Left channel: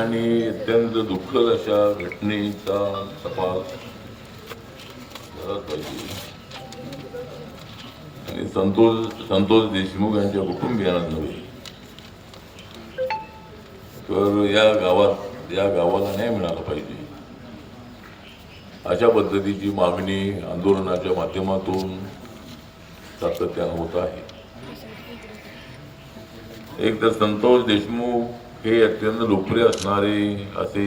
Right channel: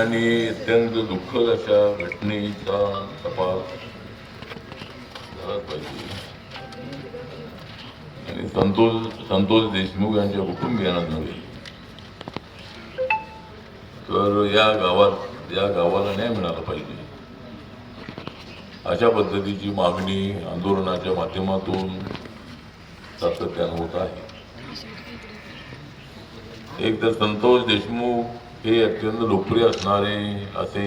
ठिकाणी अत्यंत दुःखद अशा घटनेचा तपास झाला पाहिजे आणि संतोष संतोष देशमुख यांच्या कुटुंबियांना नव्हे. तर या गावात या गावाला न्याय मिळाला पाहिजे. अशा पद्धतीची मागणी आंदोलनाच्या माध्यमातून सातत्यानं होत आहे. एक तर संतोष देशमुख हे अत्यंत लोकप्रिय असणारे असे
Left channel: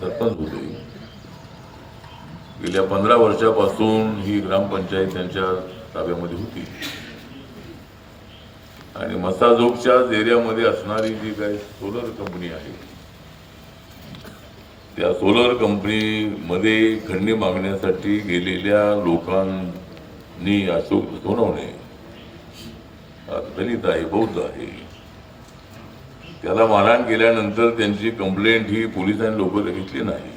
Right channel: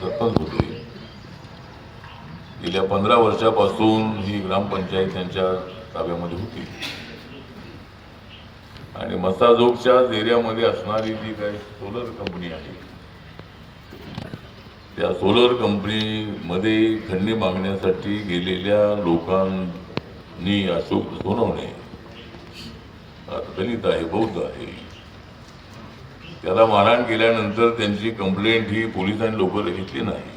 सरपंच होते. गेल्या पंधरा वर्षापासून ही ग्रामपंचायत त्यांच्या ताब्यामध्ये होती. आणि मसाजोगच्याच एरियामध्ये असणारी जी काही सोलर कंपनी आहे त्या सोलर कंपनीमध्ये खंडणी मागण्यासाठी गेलेल्या लोकांनी अशोक सोनवणे दलित आहे बौद्ध आहे त्याला मारहाण केल्यानंतर त्यांची कंप्लेंट ही पोलिसांनी लवकर घेतली नाही.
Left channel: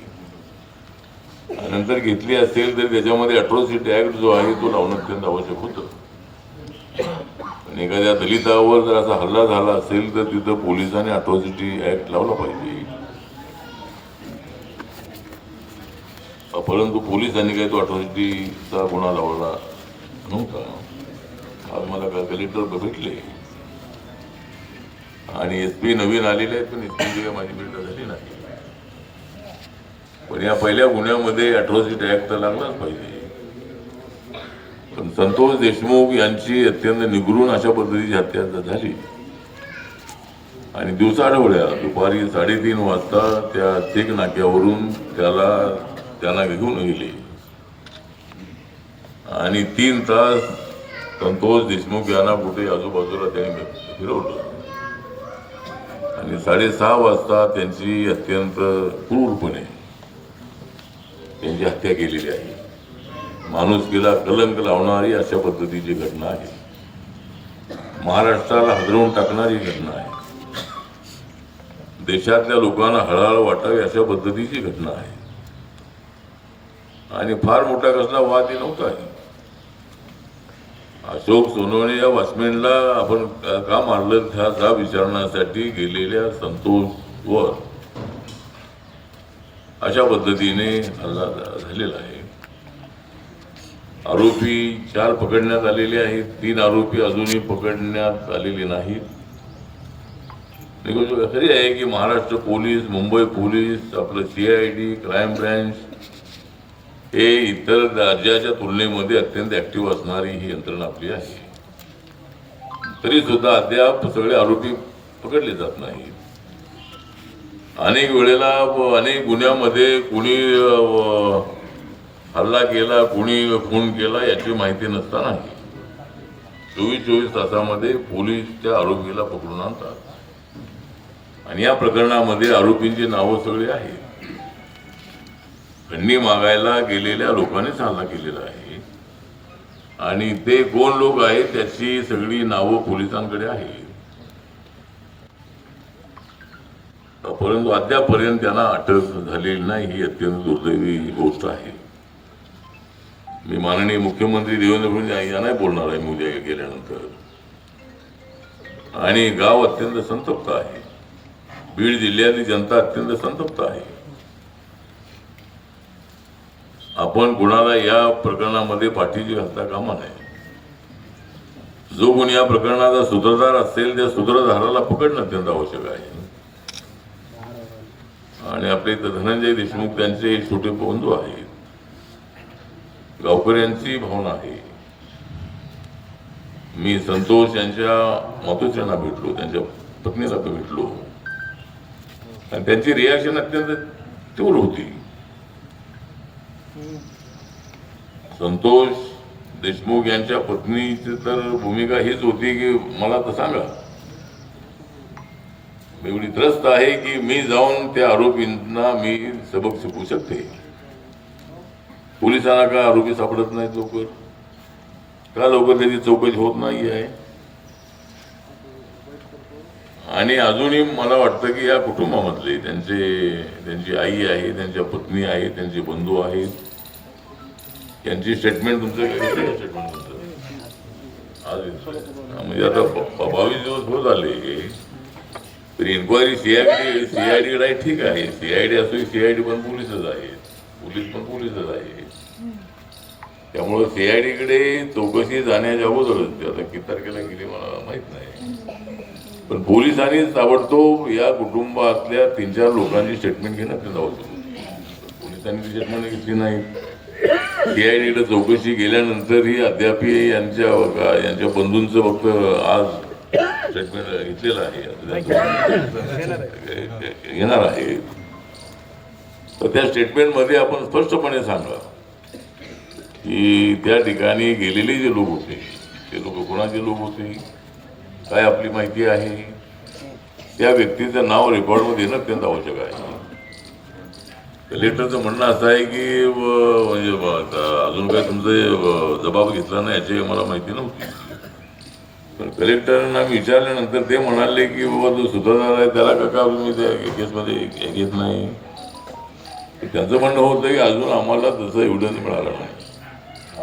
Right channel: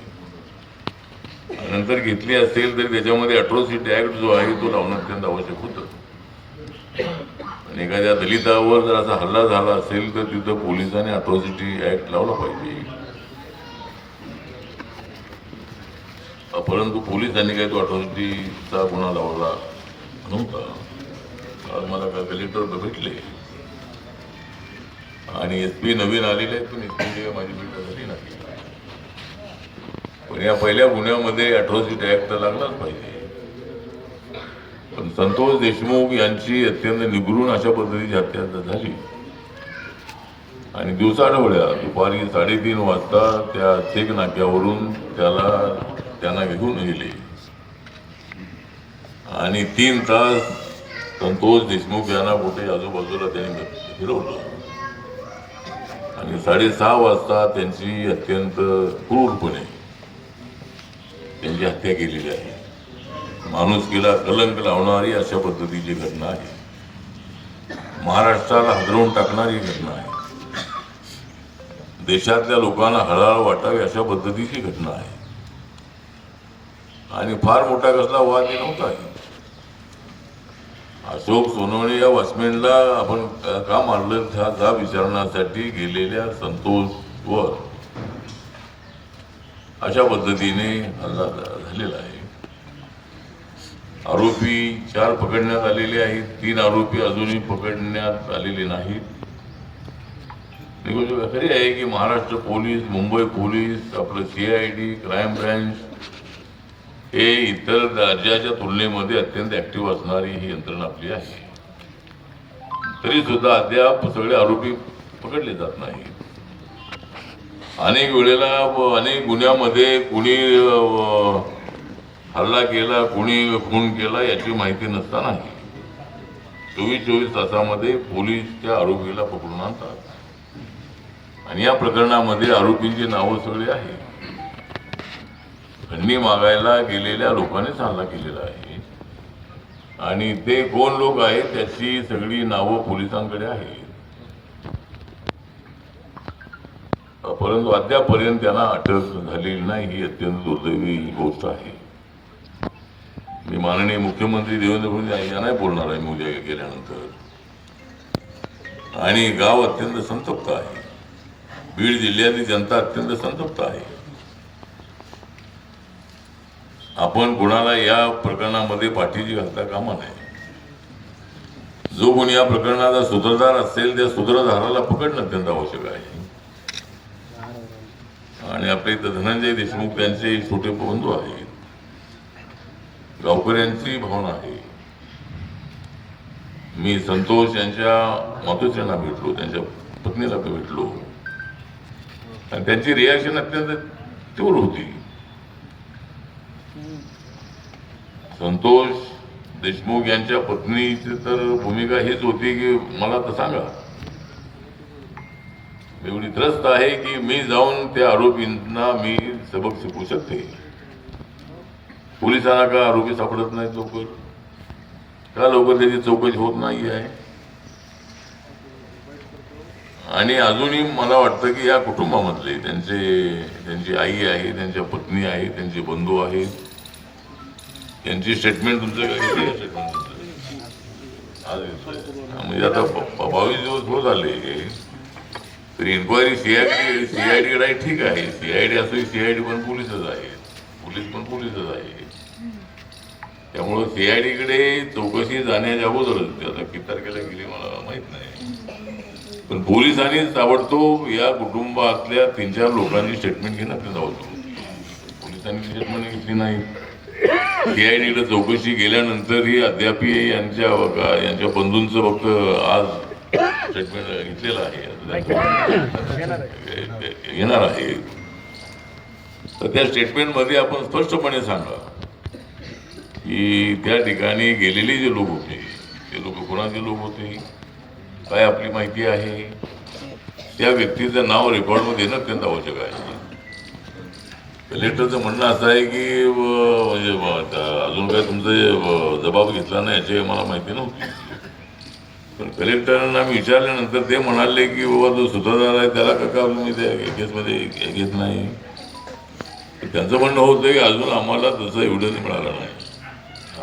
नंतर घेतली असेल तर त्याच्यामध्ये अट्रॉसिटी ऍक्ट जो आहे तो लावणं अत्यंत आवश्यक होतं. आणि एखाद्या दलितावर जर असा हल्ला झाला असेल तर तिथं पोलिसांनी अट्रॉसिटी ऍक्ट लावला पाहिजे. परंतु पोलिसांनी काही तो अट्रॉसिटीचा गुन्हा लावला नव्हता. आज मला का कलेक्टर भेटले आणि एस पी नवीन आलेले आहेत पण एस पी माझी भेट झाली नाही. पण या पहिल्या गुन्ह्यामध्ये अट्रॉसिटी ऍक्ट तर लागलाच पाहिजे. पण संतोष देशमुख यांची अत्यंत निगरून अशा पद्धतीची हत्या झाली आणि दिवसाढवळ्या दुपारी साडेतीन वाजता त्या चेक नाक्यावरून त्याला त्यांना घेऊन गेले. आणि तीन तास संतोष देशमुख यांना कुठे आजूबाजूला त्यांनी फिरवलं. आणि साडेसहा वाजता त्यांची अत्यंत क्रूरपणे त्यांची हत्या केलेली आहे. माणुसकीला कलंक लावणारी अशा पद्धतीची घटना आहे. महाराष्ट्राला हजरवून टाकणारी घटना आहे. देशातल्या लोकांना हळहळ वाटावी अशा पद्धतीची घटना आहे. आणि फार मोठा कसला वाद हे नव्हता. अशोक सोनवणे या वॉचमॅनला आपण का मारलं? ह्या जा विचारण्यासाठी गेलेल्या संतोषवर. अशा पद्धतीने हल्ला झालेला आहे. आरोपी चार पकडण्यात आलेले आहेत. तीन आरोपी अजूनही पकडण्यात आलेले नाहीत. खरी आहे की महाराष्ट्र पोलीस मुंबई पोलीस आपलं C I D crime branch हे इतर राज्याच्या तुलनेमध्ये अत्यंत ऍक्टिव्ह असणारी ही यंत्रणा आपली आहे. तरी सुद्धा अद्याप सगळे आरोपी पकडले जात नाही अनेक वेळेला अनेक गुन्ह्यामध्ये कुणी हल्ला केला कुणी खून केला याची माहिती नसताना चोवीस चोवीस तासामध्ये पोलीस त्या आरोपीला पकडून आणतात. आणि या प्रकरणामध्ये आरोपींची नावं सगळी आहेत. खंडणी मागायला गेलेल्या लोकांनीच हल्ला केलेला आहे. आणि ते कोण लोक आहेत त्याची सगळी नावं पोलिसांकडे आहेत. परंतु अद्यापर्यंत त्यांना अटक झालेली नाही ही अत्यंत दुर्दैवी गोष्ट आहे. मी माननीय मुख्यमंत्री देवेंद्र फडणवीस यांना बोलणार आहे मी गेल्यानंतर. आणि गाव अत्यंत संतप्त आहे. बीड जिल्ह्यातली जनता अत्यंत संतप्त आहे. आपण कुणाला या प्रकरणामध्ये पाठीची घालता कामा नये. जो कोणी या प्रकरणाचा सूत्रधार असेल त्या सूत्रधाराला पकडणं अत्यंत आवश्यक आहे आणि आपले इथं धनंजय देशमुख त्यांचे छोटे बंधू आहेत. गावकऱ्यांची भावना आहे. मी संतोष यांच्या मातोश्रींना भेटलो त्यांच्या पत्नीला भेटलो. आणि त्यांची रिॲक्शन अत्यंत तीव्र होती. संतोष देशमुख यांच्या पत्नीची तर भूमिका हीच होती की मला तर सांगा. एवढी त्रस्त आहे की मी जाऊन त्या आरोपींना मी सबक शिकवू शकते. पोलिसांना का आरोपी सापडत नाहीत लवकर? का लवकर त्याची चौकशी होत नाही आहे? आणि अजूनही मला वाटतं की या कुटुंबामधले त्यांचे त्यांची आई आहे त्यांच्या पत्नी आहे त्यांचे बंधू आहेत त्यांची स्टेटमेंट तुमच्याकडे किती स्टेटमेंट तुमचं आज म्हणजे आता प्रभावी बावीस दिवस होत आले तर इन्क्वायरी सीआयडी सीआयडी कडे ठीक आहे. सीआयडी असो सीआयडी पण पोलीसच आहे. पोलीस पण पोलीसच आहे. त्यामुळं सीआयडीकडे चौकशी जाण्याच्या अगोदरच ते आता किती तारखेला गेली मला माहीत नाही. पण पोलिसांनी ताबडतोब या कुटुंबातल्या तीन चार लोकांची स्टेटमेंट घेणं ते जाऊ पोलिसांनी स्टेटमेंट घेतली नाही. डीआयडीकडे चौकशी केल्यानंतरही अद्याप यांच्या यांच्या बंधूंचं फक्त आज स्टेटमेंट घेतलेलं आहे. घेणार आहे. तर त्या स्टेटमेंटमध्ये आपण स्पष्टपणे सांगा की त्या ठिकाणी गेलेले जे लोक होते ते लोक कोणाचे लोक होते? काय आपली माहिती आहे? त्या व्यक्तीचं नाव रेकॉर्डमध्ये येणं अत्यंत आवश्यक आहे. कलेक्टरचं म्हणणं असं आहे की म्हणजे अजून काय तुमचं जबाब घेतला नाही याची मला माहिती नव्हती. पण कलेक्टरांना आम्ही विचारल्यानंतर ते म्हणाले की बाबा जो सुधारणार आहे त्याला का का तुम्ही त्या केसमध्ये घेत नाही? तर त्यांचं म्हणणं होतं की अजून आम्हाला तसं एव्हिडन्स मिळालं नाही.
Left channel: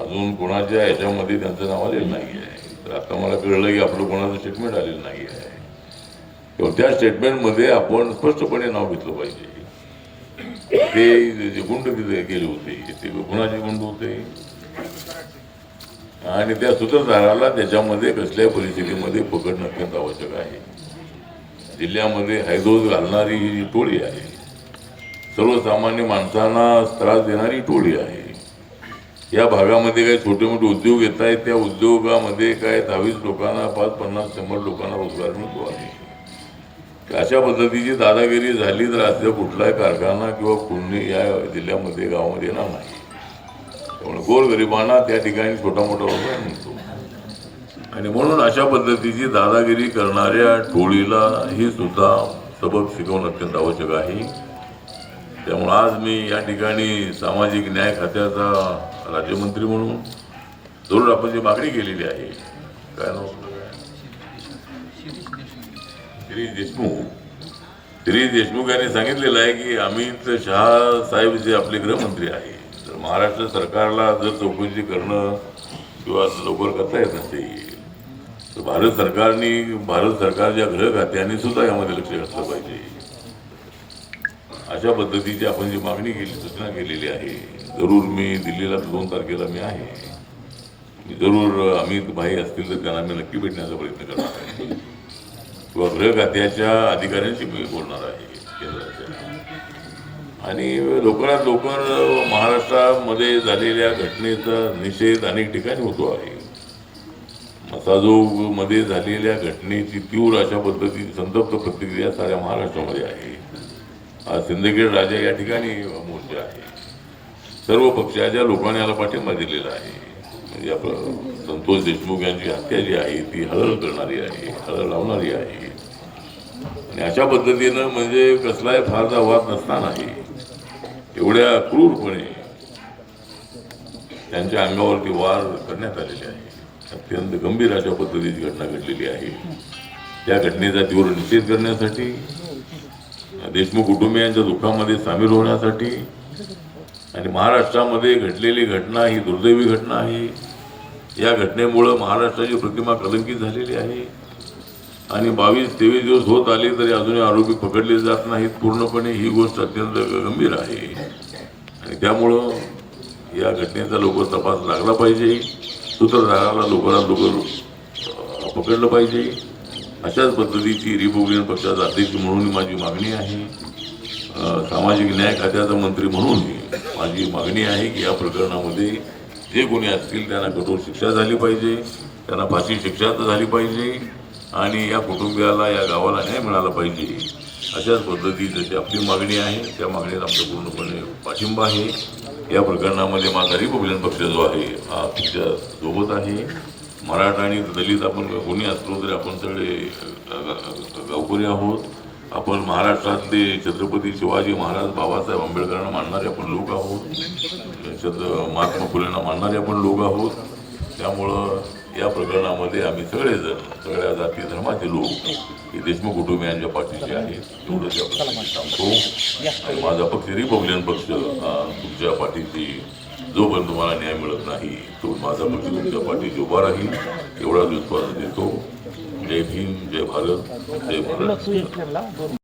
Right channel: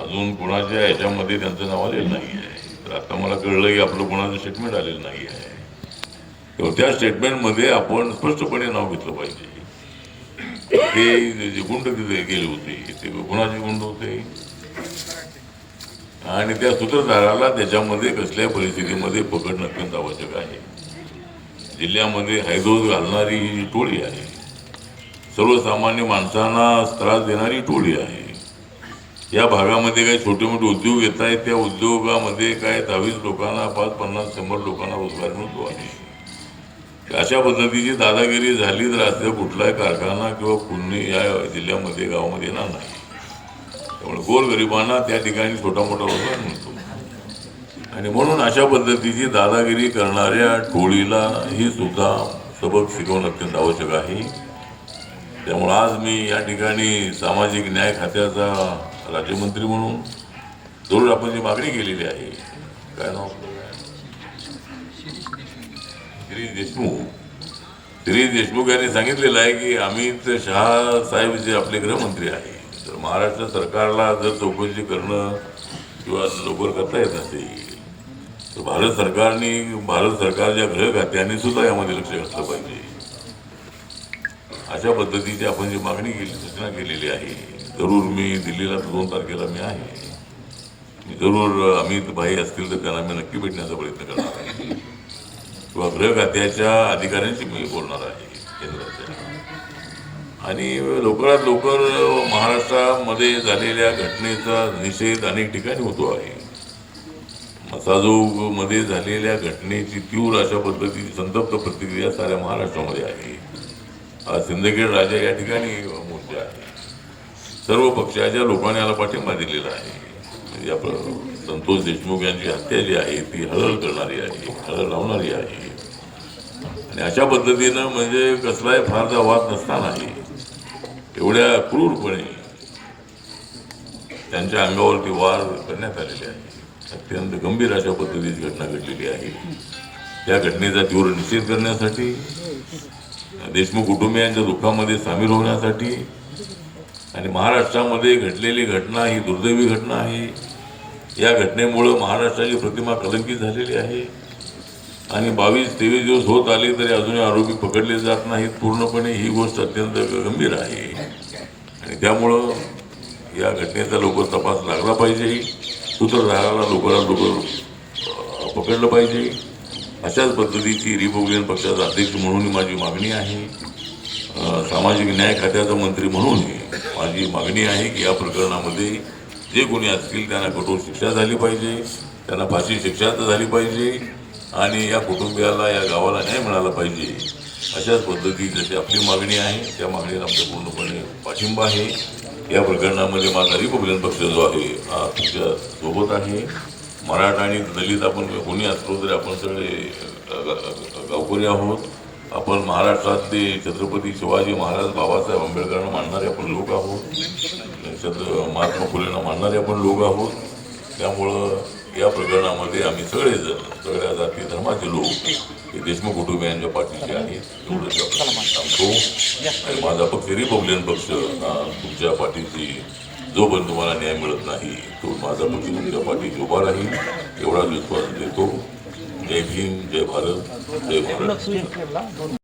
अजून कोणाच्या ह्याच्यामध्ये त्यांचं नाव आलेलं नाही आहे. तर आता मला कळलं की आपलं कोणाचं स्टेटमेंट आलेलं नाही आहे. तेव्हा त्या स्टेटमेंटमध्ये आपण स्पष्टपणे नाव घेतलं पाहिजे. ते जे- गुंड तिथे गेले होते ते गुणाचे गुंड होते? आणि त्या सूत्रधाराला त्याच्यामध्ये कसल्या परिस्थितीमध्ये पकडणं अत्यंत आवश्यक आहे. जिल्ह्यामध्ये हैदोस घालणारी ही जी टोळी आहे सर्वसामान्य माणसांना त्रास देणारी टोळी आहे. या भागामध्ये काही छोटे मोठे उद्योग येत आहेत त्या उद्योगामध्ये काय दहावीस लोकांना पाच पन्नास शंभर लोकांना रोजगार मिळतो आहे. अशा पद्धतीची दादागिरी झाली तर असं कुठलाही कारखाना किंवा कुणी या जिल्ह्यामध्ये गावामध्ये येणार नाही. त्यामुळे गोरगरिबांना त्या ठिकाणी छोटा मोठा रोजगार मिळतो आणि म्हणून अशा पद्धतीची दादागिरी करणाऱ्या टोळीला ही सुद्धा सबक शिकवणं अत्यंत आवश्यक आहे. त्यामुळे आज मी या ठिकाणी सामाजिक न्याय खात्याचा राज्यमंत्री म्हणून जरूर आपण जी मागणी केलेली आहे काय श्री देशमुख. श्री देशमुख यांनी सांगितलेलं आहे की अमित शहा साहेब जे आपले गृहमंत्री आहे तर महाराष्ट्र सरकारला जर चौकशी करणं किंवा लवकर करता येत नसेल तर भारत सरकारने भारत सरकारच्या गृह खात्याने सुद्धा यामध्ये लक्ष घातलं पाहिजे. अशा पद्धतीची आपण जी मागणी केली सूचना केलेली आहे जरूर मी दिल्लीला दोन तारखेला मी आहे. जरूर अमित भाई असतील तर त्यांना मी नक्की भेटण्याचा प्रयत्न करणार आहे. किंवा गृह खात्याच्या अधिकाऱ्यांशी मी बोलणार आहे. केंद्राच्या आणि लवकरात लवकर महाराष्ट्रामध्ये झालेल्या घटनेचा निषेध अनेक ठिकाणी होतो आहे. मसाजोगमध्ये झालेल्या घटनेची तीव्र अशा पद्धतीची संतप्त प्रतिक्रिया साऱ्या महाराष्ट्रामध्ये आहे. आज सिंदखेड राजा या ठिकाणी मोर्चा आहे. सर्व पक्षाच्या लोकांनी याला पाठिंबा दिलेला आहे. म्हणजे आपलं संतोष देशमुख यांची हत्या जी आहे ती हळहळ करणारी आहे हळहळ लावणारी आहे आणि अशा पद्धतीनं म्हणजे कसलाही फारसा वाद नसतानाही एवढ्या क्रूरपणे त्यांच्या अंगावरती वार करण्यात आलेले आहे अत्यंत गंभीर अशा पद्धतीची घटना घडलेली आहे त्या घटनेचा तीव्र निषेध करण्यासाठी देशमुख कुटुंबियांच्या दुःखामध्ये सामील होण्यासाठी आणि महाराष्ट्रामध्ये घडलेली घटना ही दुर्दैवी घटना आहे या घटनेमुळं महाराष्ट्राची प्रतिमा कलंकित झालेली आहे. आणि बावीस तेवीस दिवस होत आले तरी अजूनही आरोपी पकडले जात नाहीत. पूर्णपणे ही गोष्ट अत्यंत गंभीर आहे. आणि त्यामुळं या घटनेचा लवकर तपास लागला पाहिजे. सूत्रधाराला लवकरात लवकर पकडलं पाहिजे. अशाच पद्धतीची रिपब्लिकन पक्षाचा अध्यक्ष म्हणून माझी मागणी आहे. सामाजिक न्याय खात्याचा मंत्री म्हणूनही माझी मागणी आहे की या प्रकरणामध्ये जे कोणी असतील त्यांना कठोर शिक्षा झाली पाहिजे त्यांना फाशी शिक्षा तर झाली पाहिजे आणि या कुटुंबियाला या गावाला न्याय मिळाला पाहिजे. अशाच पद्धतीची जशी आपली मागणी आहे. त्या मागणीला आमचा पूर्णपणे पाठिंबा आहे. या प्रकरणामध्ये माझा रिपब्लिकन पक्ष जो आहे हा तुमच्यासोबत आहे. मराठा आणि दलित आपण कोणी असलो तरी आपण सगळे गावकरी आहोत. आपण महाराष्ट्रातले छत्रपती शिवाजी महाराज बाबासाहेब आंबेडकरांना मानणारे आपण लोक आहोत. छत्र महात्मा फुलेंना मानणारे आपण लोक आहोत. त्यामुळं या प्रकरणामध्ये आम्ही सगळेजण सगळ्या जाती धर्माचे लोक हे देशमुख कुटुंबियांच्या पाठीशी आहेत एवढंच सांगतो. आणि माझा पक्ष रिपब्लिकन पक्ष तुमच्या पाठीशी पण तुम्हाला न्याय मिळत नाही तो माझा पक्ष तुमच्या पाठीशी उभा राहील. एवढाच विश्वास देतो. ಡೆಫಿನ್ ಜೆ ಭಾರತ್ ಜೆ ಭಾರತ್